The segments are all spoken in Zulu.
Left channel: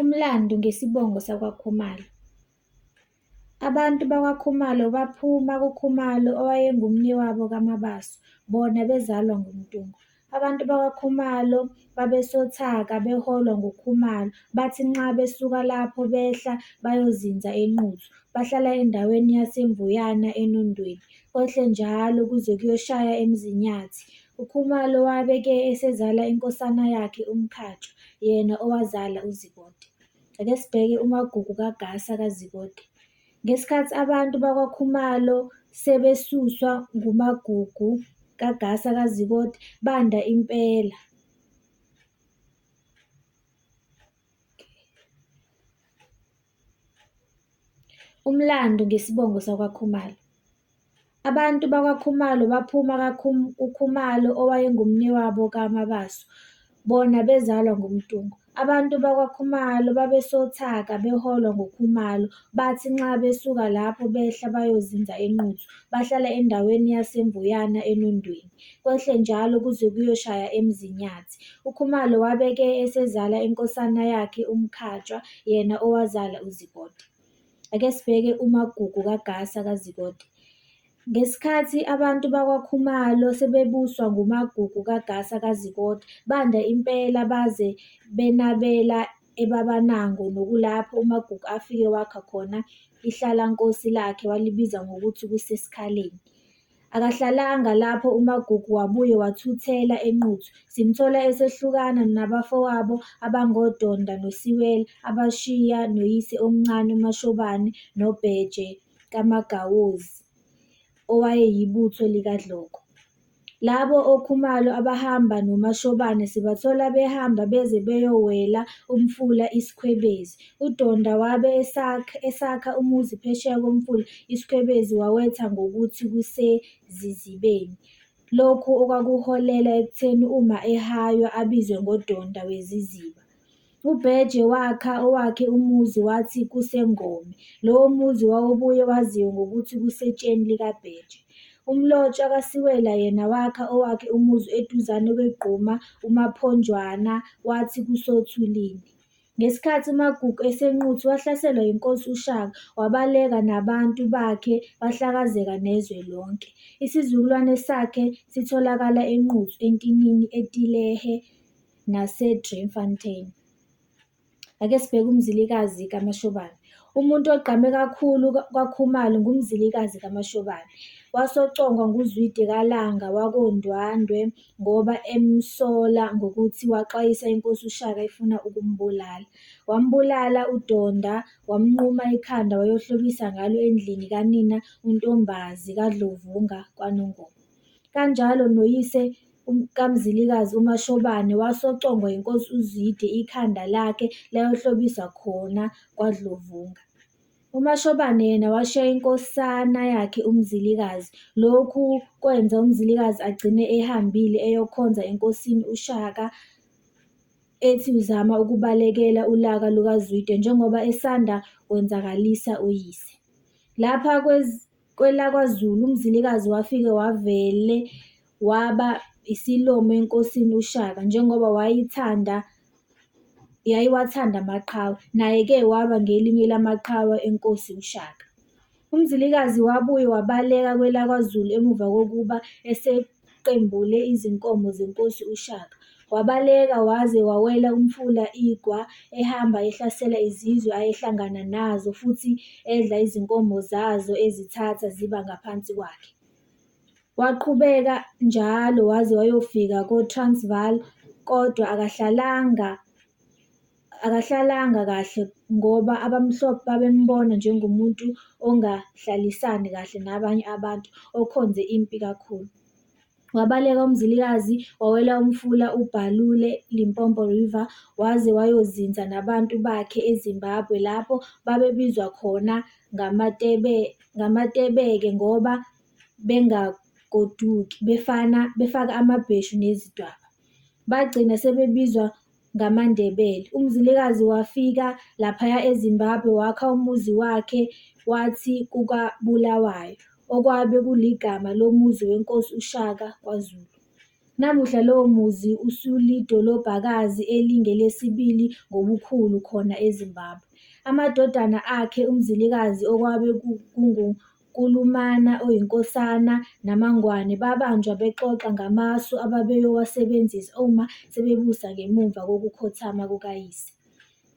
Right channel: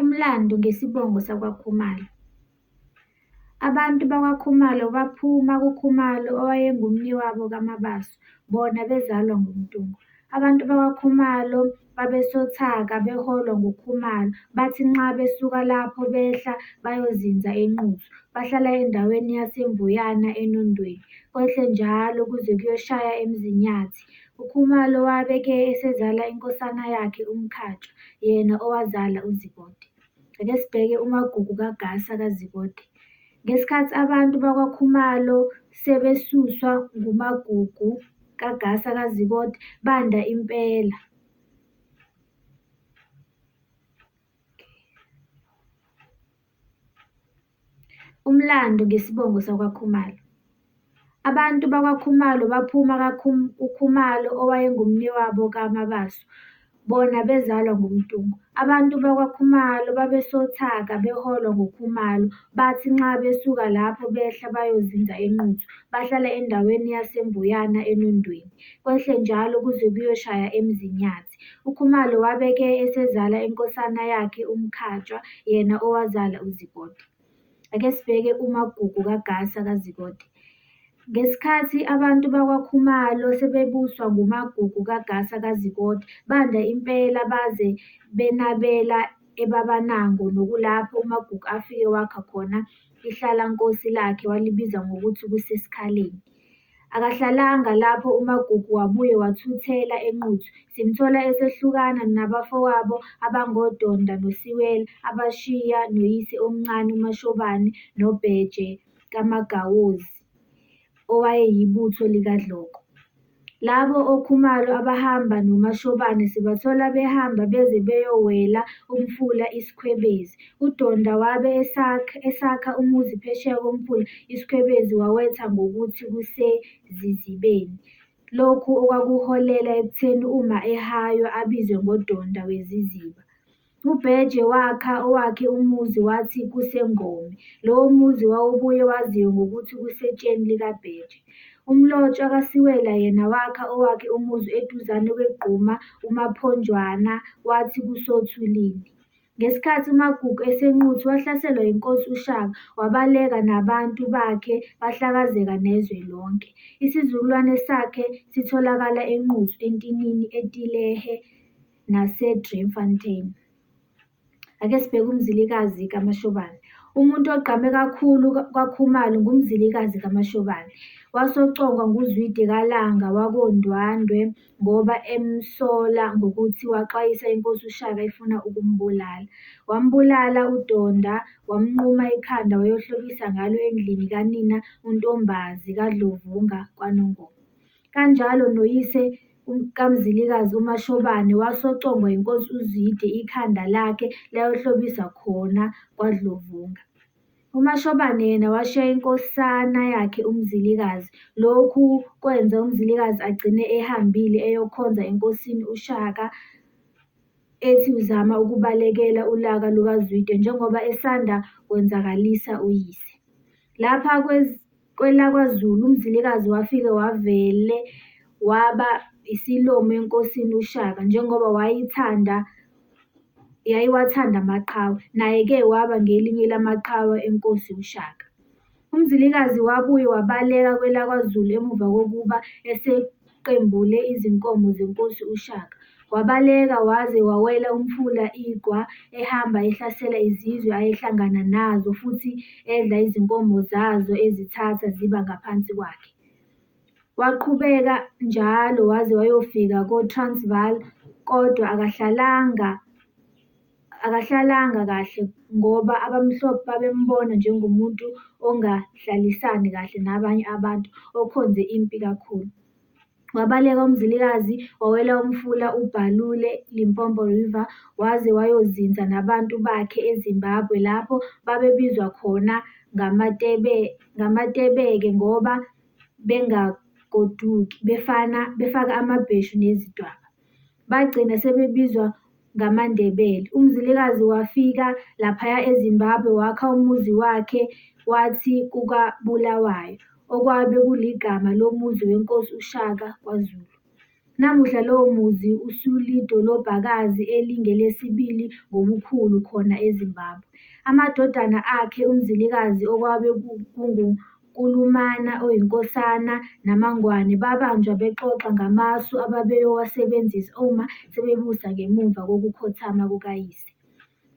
Umlando ngesibongo sakwaKhumalo. Abantu bakwaKhumalo baphuma kuKhumalo owayengumnewabo kaMabaso, bona bezalwa ngumdungu. Abantu bakwaKhumalo babesothaka beholwa nguKhumalo, bathi nxa besuka lapho behla bayozinza eNquthu, bahlala endaweni yaseMvuyana eNondweni, kwehle njalo kuze kuyoshaya eMzinyathi. UKhumalo wabe-ke esezala inkosana yakhe uMkhatshwa, yena owazala uZibode. Ake sibheke umagugu kaGasa kaZibode. Ngesikhathi abantu bakwaKhumalo sebesuswa ngumagugu kaGasa kaZibode, banda impela. Umlando ngesibongo sakwaKhumalo. Abantu bakwaKhumalo baphuma kuKhumalo owayengumnewabo kaMabaso, bona bezalwa ngumdungu. Abantu bakwaKhumalo babesothaka beholwa nguKhumalo, bathi nxa besuka lapho behla bayozinza eNquthu, bahlala endaweni yaseMvuyana eNondweni, kwehle njalo kuze kuyoshaya eMzinyathi. UKhumalo wabe-ke esezala inkosana yakhe uMkhatshwa, yena owazala uZibode. Ake sibheke umagugu kaGasa kaZibode. Ngesikhathi abantu bakwaKhumalo sebebuswa ngumagugu kaGasa kaZibode, banda impela baze benabela eBabanango, nokulapho umagugu afike wakha khona ihlalankosi lakhe walibiza ngokuthi kuseSikhaleni. Akahlalanga lapho umagugu wabuye wathuthela eNquthu. Simthola esehlukana nabafowabo abangoDonda noSiwela, abashiya noyise omncane uMashobane noBheje kaMagawozi, owayeyibutho likaDloko. Labo oKhumalo abahamba noMashobane sibathola behamba beze beyowela umfula iSikhwebezi. UDonda wabe esakha umuzi phesheya komfula iSikhwebezi wawetha ngokuthi kuseZizibeni. Lokhu okwakuholela ekutheni uma ehaywa abizwe ngoDonda weZiziba. uBheje wakha owakhe umuzi wathi kuseNgome. Lowo muzi wawubuye waziwe ngokuthi kusetsheni likaBheje. Umlotshwa kaSiwela yena wakha owakhe umuzi eduzane kweGquma uMaphonjwana wathi kusothulini. Ngesikhathi umagugu eseNquthu wahlaselwa yinkosi uShaka, wabaleka nabantu bakhe bahlakazeka nezwe lonke. Isizukulwane sakhe sitholakala eNquthu, eNtinini, eTilehe naseDriefontein. Ake sibheke uMzilikazi kaMashobane. Umuntu ogqame kakhulu kwaKhumalo ngumzilikazi kaMashobane. Wasocongwa nguZwide kaLanga wakoNdwandwe ngoba emsola ngokuthi waxwayisa inkosi uShaka ifuna ukumbulala. Wambulala uDonda, wamnquma ikhanda wayohlobisa ngalo endlini kanina uNtombazi kaDlovunga kwaNongoma. Kanjalo noyise kaMzilikazi uMashobane wasocongwa yinkosi uZwide, ikhanda lakhe layohlobisa khona kwaDlovunga. uMashobane yena washiya inkosana yakhe uMzilikazi. Lokhu kwenza uMzilikazi agcine ehambile eyokhonza enkosini uShaka, ethi uzama ukubalekela ulaka lukaZwide njengoba esanda kwenzakalisa uyise. Lapha kwelaKwaZulu uMzilikazi wafike wavele waba isilomo enkosini uShaka njengoba yayiwathanda amaqhawe, naye-ke waba ngelinye lamaqhawe enkosi uShaka. uMzilikazi wabuye wabaleka kwelaKwaZulu emuva kokuba eseqembule izinkomo zenkosi uShaka. Wabaleka waze wawela umfula iGwa, ehamba ehlasela izizwe ayehlangana nazo futhi edla izinkomo zazo ezithatha ziba ngaphansi kwakhe. Waqhubeka njalo waze wayofika koTransvaal, kodwa akahlalanga kahle ngoba abamhlophe babembona njengomuntu ongahlalisani kahle nabanye abantu, okhonze impi kakhulu. Wabaleka uMzilikazi wawela umfula uBhalule, Limpopo River, waze wayozinza nabantu bakhe eZimbabwe lapho babebizwa khona ngamaTebeke ngoba bengagoduki, befaka amabheshu nezidwaba. Bagcina sebebizwa ngamaNdebele. uMzilikazi wafika laphaya eZimbabwe wakha umuzi wakhe wathi kukaBulawayo, okwabe kuligama lomuzi wenkosi uShaka kwaZulu. Namuhla lowo muzi usulidolobhakazi elingelesibili ngobukhulu khona eZimbabwe. Amadodana akhe uMzilikazi okwabe kunguNkulumana oyinkosana naMangwane babanjwa bexoxa ngamasu ababeyowasebenzisa uma sebebusa ngemuva kokukhothama kukayise.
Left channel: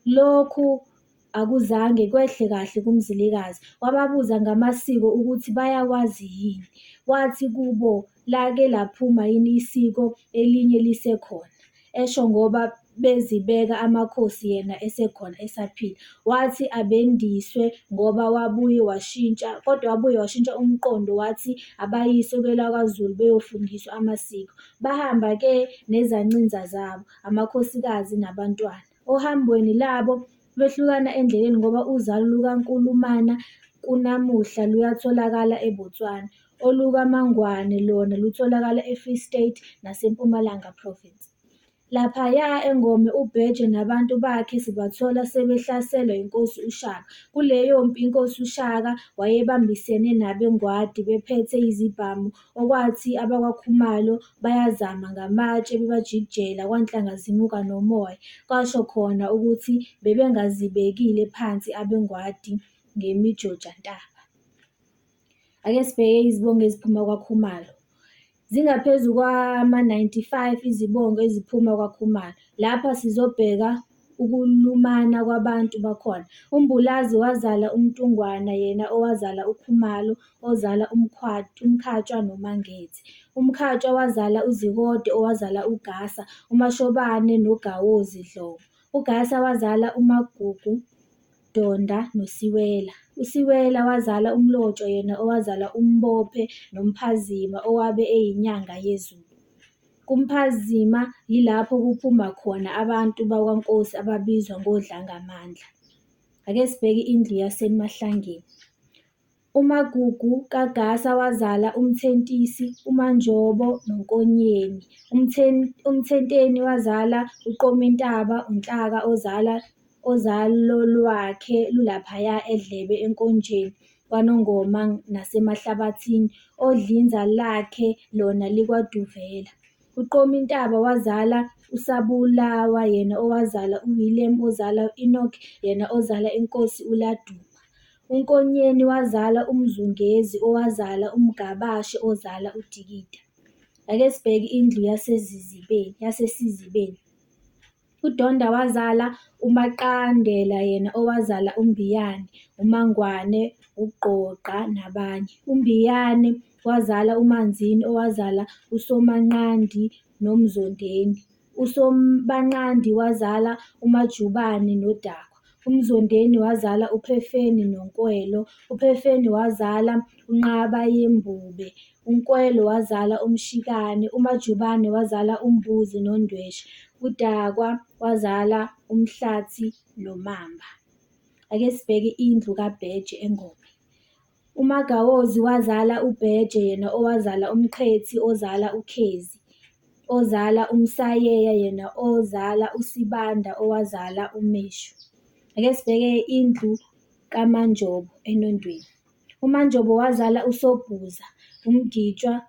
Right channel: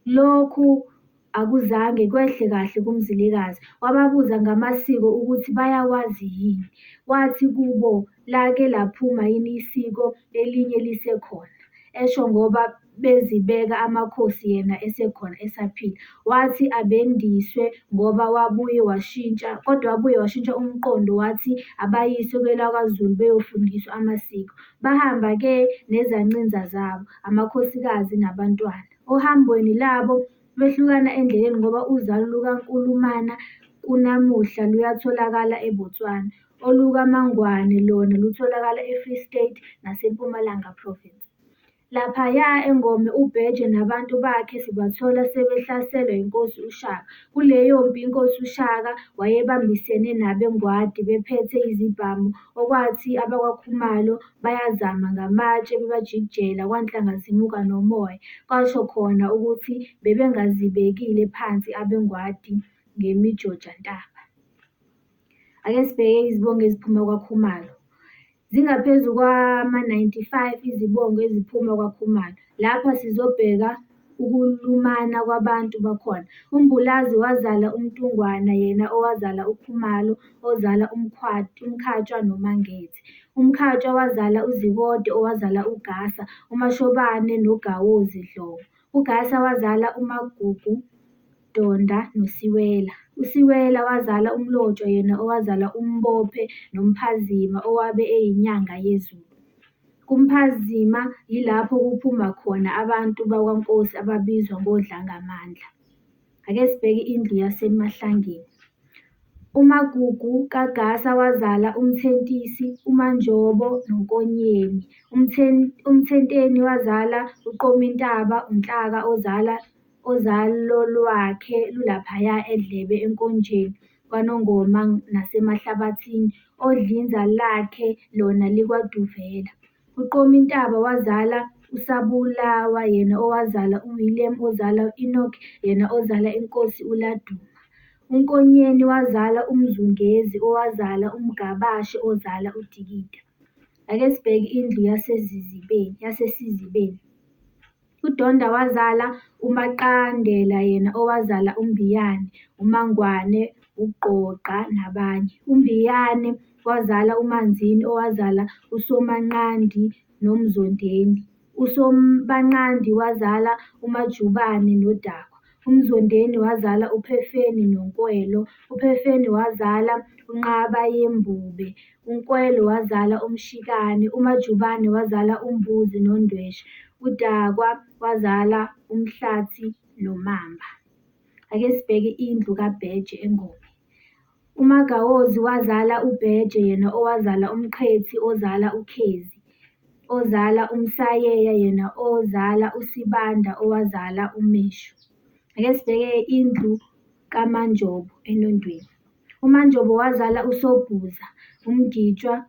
Lokhu akuzange kwehle kahle kuMzilikazi, wababuza ngamasiko ukuthi bayakwazi yini. Wathi kubo, lake laphuma yini isiko elinye lisekhona? Esho ngoba bezibeka amakhosi yena esekhona esaphila. Wathi abendiswe ngoba wabuye washintsha umqondo wathi abayiswe kwelakwaZulu beyofundiswa amasiko. Bahamba-ke nezancinza zabo, amakhosikazi nabantwana. Ohambweni labo behlukana endleleni ngoba uzalo lukaNkulumana kunamuhla luyatholakala eBotswana, olukaMangwane lona lutholakala eFree State naseMpumalanga Province. Laphaya eNgome uBheje nabantu bakhe sibathola sebehlaselwa inkosi uShaka. Kuleyo mpi inkosi uShaka wayebambisene nabeNgwadi bephethe izibhamu, okwathi abakwaKhumalo bayazama ngamatshe bebajikijela kwanhlanga zimuka nomoya. Kwasho khona ukuthi bebengazibekile phansi abeNgwadi ngemijojantaba. Ake sibheke izibongo eziphuma kwaKhumalo. Zingaphezu kwama-95 izibongo eziphuma kwaKhumalo. Lapha sizobheka ukulumana kwabantu bakhona. uMbulazi wazala uMtungwana yena owazala uKhumalo ozala uMkhatshwa noMangethe. uMkhatshwa wazala uZikode owazala uGasa, uMashobane noGawozi Dlomo. uGasa wazala uMagugu, Donda noSiwela. uSiwela wazala uMlotshwa yena owazala uMbophe noMphazima owabe eyinyanga yeZulu. kuMphazima yilapho kuphuma khona abantu bakwaNkosi ababizwa ngoDlangamandla. Ake sibheke indlu yaseMahlangeni. uMagugu kaGasa wazala uMthentisi, uManjobo noNkonyeni. uMthenteni wazala uQomintaba, uNhlaka ozalo lwakhe lulaphaya eDlebe enkonjeni kwaNongoma nasemahlabathini, odlinza lakhe lona likwaDuvela. uQomintaba wazala uSabulawa yena owazala uWillem ozala u-Enoch yena ozala inkosi uLaduma. uNkonyeni wazala uMzungezi owazala uMgabashe ozala uDikida. Ake sibheke indlu yaseSizibeni. uDonda wazala uMaqandela yena owazala uMbiyane, uMangwane, uGqogqa nabanye. uMbiyane wazala uManzini owazala uSomanqandi noMzondeni. uSomanqandi wazala uMajubane noDakwa. uMzondeni wazala uPhefeni noNkwelo. uPhefeni wazala uNqabayembube. uNkwelo wazala uMshikane. uMajubane wazala uMbuzi noNdweshe. uDakwa wazala uMhlathi noMamba. Ake sibheke indlu kaBheje eNgome. uMagawozi wazala uBheje yena owazala uMqhethi ozala uKhezi, ozala uMsayeya yena ozala uSibanda owazala uMeshu. Ake sibheke indlu kaManjobo eNondweni. uManjobo wazala uSobhuza, uMgitshwa,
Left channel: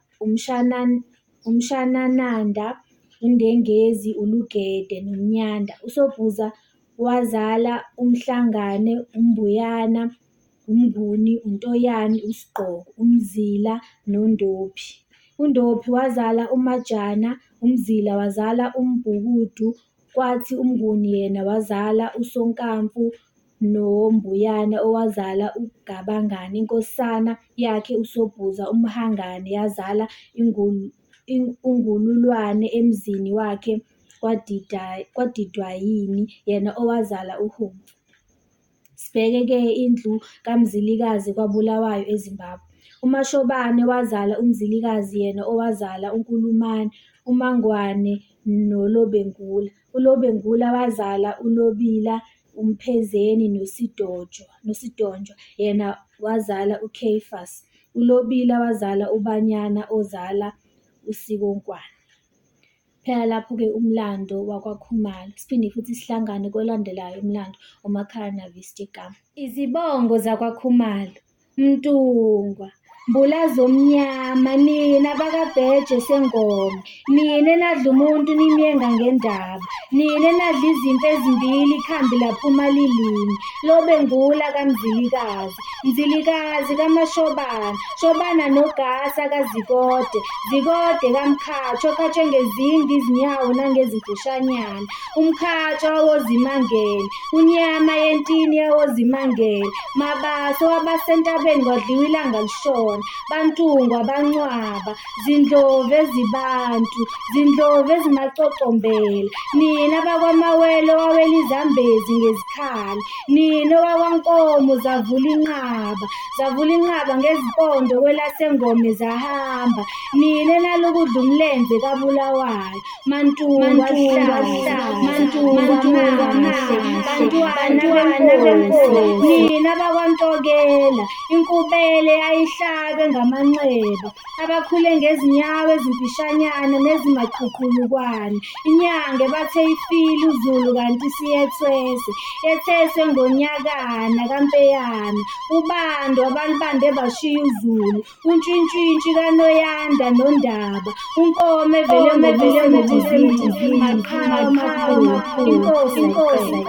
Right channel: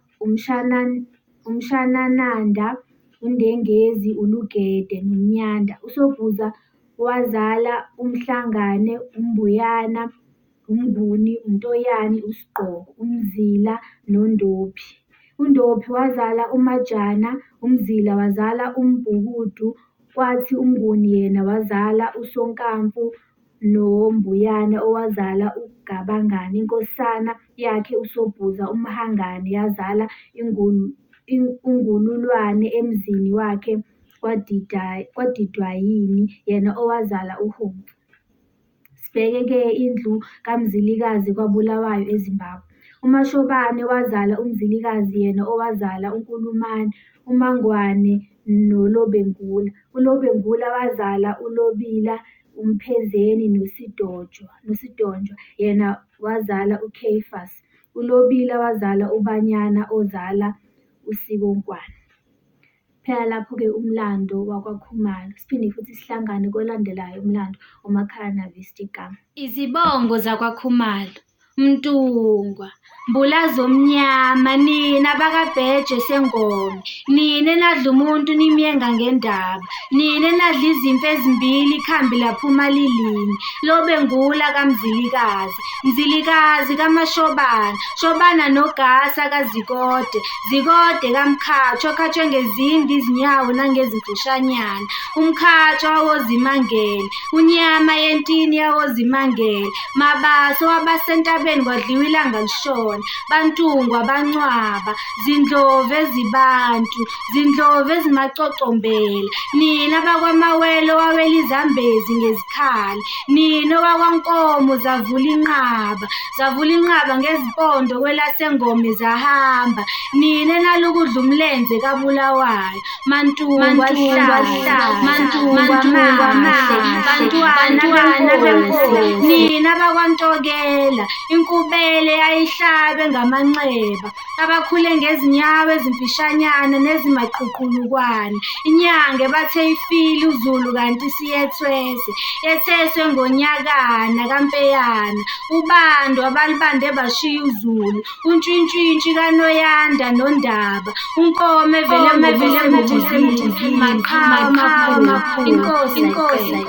uMshanananda, uNdengezi, uLugede noMnyanda. uSobhuza wazala uMhlangane, uMbuyana, uMnguni, uNtoyani, uSigqoko, uMzila noNdophi. uNdophi wazala uMajana. uMzila wazala uMbhukudu, kwathi uMnguni yena wazala uSonkamfu noMbuyana owazala uGabangani. inkosana yakhe uSobhuza uMhangane yazala uNgululwane emzini wakhe kwaDidwayini yena owazala uHumfu. Sibheke-ke indlu kaMzilikazi kwaBulawayo eZimbabwe. uMashobane wazala uMzilikazi yena owazala uNkulumane, uMangwane noLobengula. uLobengula wazala uLobila, uMphezeni noSidonjwa yena wazala uCaiphus. uLobila wazala uBanyana ozala uSikonkwane. Phela lapho-ke umlando wakwaKhumalo. Siphinde futhi sihlangane kolandelayo umlando uMacananavister igama. Izibongo zakwaKhumalo. Mtungwa. Mbulazo omnyama, nina bakabheje sengome, nina enadla umuntu nimyenga ngendaba, nina enadla izimfu ezimbili ikhambi laphuma lilinye, lobe ngula kaMzilikazi, Mzilikazi kaMashobana, Shobana nogasa kaZikode, Zikode kaMkhatsho, okhatshwe ngezindi izinyawo nangezimfushanyana, umkhatsho wawozimangele, unyama yentini yawozimangele, Mabaso wabasentabeni kwadliwa ilanga lishona, Bantungwa bancwaba, zindlovu ezibantu, zindlovu ezimacocombela, nina bakwamawele wawela izambezi ngezikhali, nina wakwankomo zavula inqaba ngezipondo kwelasengome zahamba, nina enalukudla umlenze kabulawayo, Mantungwa bantwana benkosi, nina bakwantokela, inkubele ayihlabe ngamanxeba, abakhule ngezinyawo ezimfishanyana nezimaqhuqhulukwane, inyange bathe ifile uZulu kanti siyethwese, yetheswe ngonyakana kaMpeyana, ubando abalibande bashiya uZulu, untshintshintshi kaNoyanda noNdaba, unkomo evele ngobuzima, maqhawe makhulu, inkosi.